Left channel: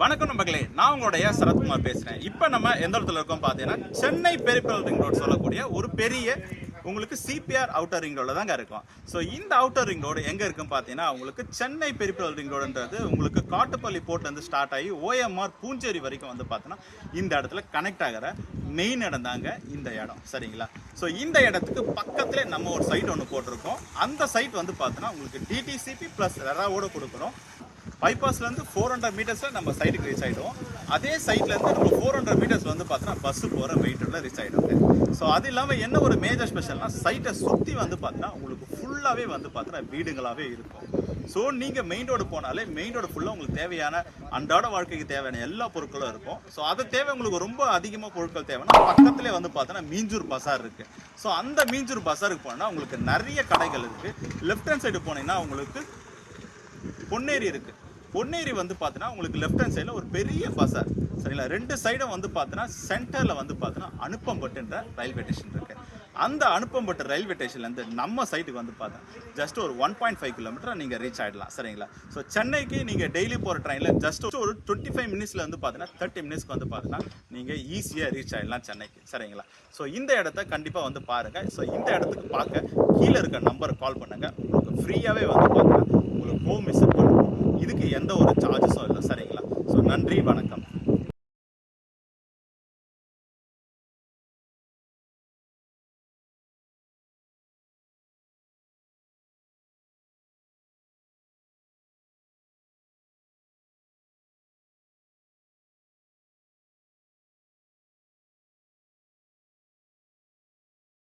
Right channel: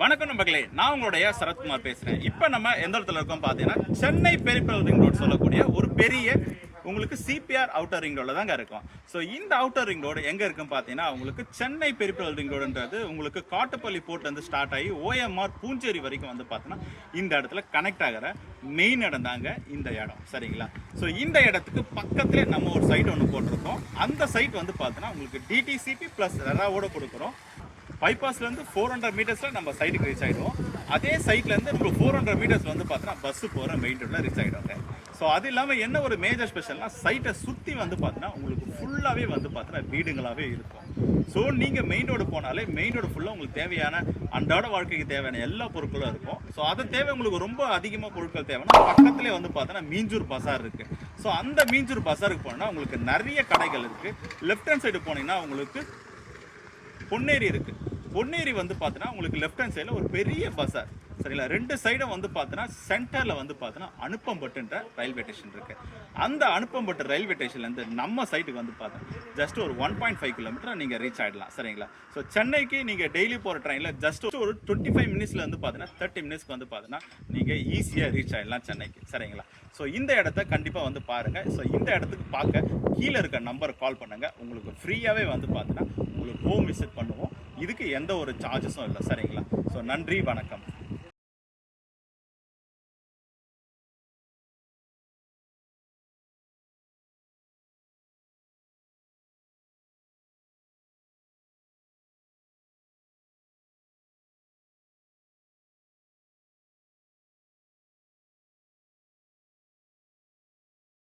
வணக்கம் நண்பர்களே, நான் உங்களுடைய சரத்குமார் பேசுகிறேன். இப்போ நம்ம எந்த இடத்துல இருக்கோம் பார்த்தீங்கன்னா, சென்னை பெரிஃபெரல் ரிங் ரோடு சொல்லக்கூடிய ஒரு பெரிய உங்களுக்கு சிபிஆர் அவுட்டர் ரிங் ரோடில் தாங்க இருக்கும். ஸோ இந்த அவுட்டர் ரிங் ரோடு எங்கே இருக்குன்னு பார்த்தீங்கன்னா, உங்களுக்கு சென்னை பெரிஃபெரல் ரிங் ரோடுன்றது உங்களுக்கு காட்டுப்பள்ளி போர்ட்லேருந்து ஸ்டார்ட் ஆகி ஓஎம்ஆர் பூஞ்சேரி வரைக்கும் வந்து பார்த்தீங்கன்னா இந்த இடத்துல கனெக்ட் ஆகிற மெயின் இடம் தாங்க இந்த இடம். சரிங்களா? ஸோ இந்த இடத்துக்கு பக்கத்துலேயே நம்ம ஒரு சைட் ஒன்று போட்டிருக்கோம். அந்த சைட் வந்து பார்த்தீங்கன்னா உங்களுக்கு டிடிசிபி ப்ளஸ் ரெராவோட கொடுக்குறோம். பைபாஸ்லேருந்து 400 மீட்டர்ஸில் நம்ம சைட்டுக்கு ரீச் ஆகிடுவோம். அதே சைட்லேருந்து நம்ம 400 மீட்டர்ஸ் வந்து பார்த்தீங்கன்னா பஸ்ஸு போகிற மெயின் ரோடில் ரீச் ஆகிடுவோங்க. ஸோ அது இல்லாமல் என்ன ஒரு மேஜர் ஸ்பெஷல்னா, சைட்டை சுற்றி வந்து பார்த்தீங்கன்னா உங்களுக்கு ஃபுல்லாகவே வந்து பார்த்தீங்கன்னா வீடுங்களாகவே இருக்கும். ஸோ நீங்கள் மெயின் ரோடு போனாலே மெயின் ரோடு ஃபுல்லாக உங்களுக்கு தேவையான அன்றாட வாழ்க்கைக்கு தேவையான எல்லா பொருட்களும் இருக்கும். ஸோ அது தேவை உங்களுக்கு ரொம்ப அதிகமாக பொருட்கள் தேவைன்னா பக்கத்துலேயே வந்து பார்த்தீங்கன்னா மீஞ்சூர் பசார் இருக்குது. ஸோ அந்த மீஞ்சூர் பசாருக்கு போனோன்னா உங்களுக்கு நிறைய கடைகள் இருக்குது. லெஃப்ட் ஹேண்ட் சைடு போனீங்கன்னா உங்களுக்கு பொன்னேரி இருக்குது. பொன்னேரி வந்து பார்த்தீங்கன்னா உங்களுக்கு லெஃப்ட் ஹேண்ட் சைடில் ஒரு பெரிய பஸார். சரிங்களா? ரெண்டு சைடும் வந்து பார்த்தீங்கன்னா சென்டரில் வந்து பார்த்தீங்கன்னா அனுப்பம்பட்டுன்ற ரயில்வே ஸ்டேஷன் இருக்குது. அந்த அனுப்பம்பட்டு ரயில்வே ஸ்டேஷன்லேருந்து நம்ம சைட்டுக்கு வந்து பார்த்தீங்கன்னா ஜஸ்ட் ஒரு 1.5 கிலோமீட்டர் நீங்கள் ரீச் ஆகிடலாம். சரிங்களா? ஸோ சென்னைக்கு நீங்கள் டெய்லி போகிற ட்ரெயினில் ஜஸ்ட் ஒரு 25 மினிட்ஸில் வந்து பார்த்தீங்கன்னா 30 மினிட்ஸ்க்கு வந்து பார்த்தீங்கன்னா நீங்கள் ஈஸியாக ரீச் ஆகிடலாம் சென்னைக்கு. சரிங்களா? ஸோ இந்த இடத்த கண்டிப்பாக வந்து பாருங்கள். ஸோ இந்த இடத்துக்கு பார்க்க கீழே இருக்க நம்பரை கால் பண்ணுங்கள். உங்களுக்கு ஃப்ரீயாகவே வந்து பார்த்தீங்கன்னா உங்களுக்கு ஹோம் விசிட் பண்ணுவோம். இதுக்கு எந்த ஒரு சார்ஜஸும் இல்லை. சரிங்களா? ஸோ நன்றி, வணக்கம்.